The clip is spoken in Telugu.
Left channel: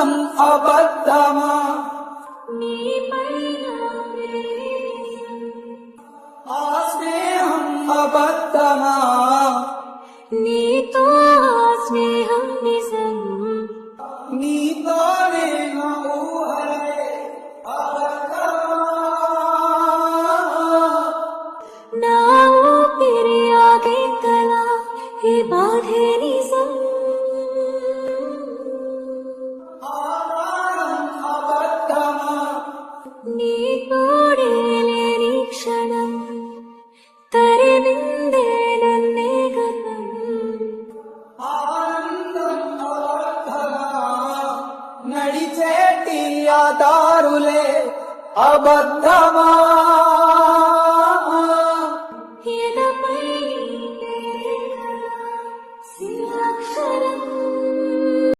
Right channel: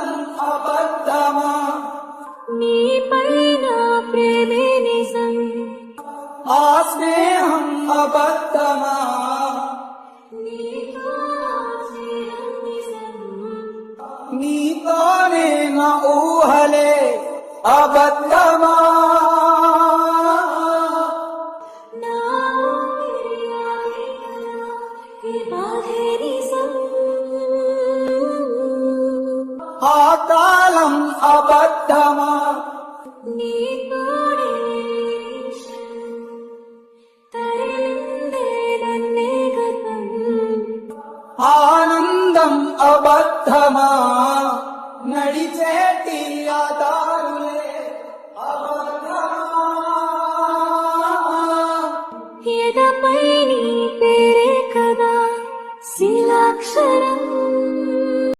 ఆనందం అబద్ధమా నీపైన ప్రేమే నిజం ఆ స్నేహం అబద్ధమా నీతో ఆ స్నేహం నిజం నీతోనే నా ఊహలే అబద్ధమా నా ఊపిరి ఆగేంతలా ఈ బాధే నిజం ఆ కాలం అబద్ధమా నీ తోడే లేని క్షణం తరిమిందే నన్నే గతం ఆనందం అబద్ధమా నడిచేటి ఆ దారులే అబద్ధమా ఎదపై నీ పేరే కదా శిలాక్షరం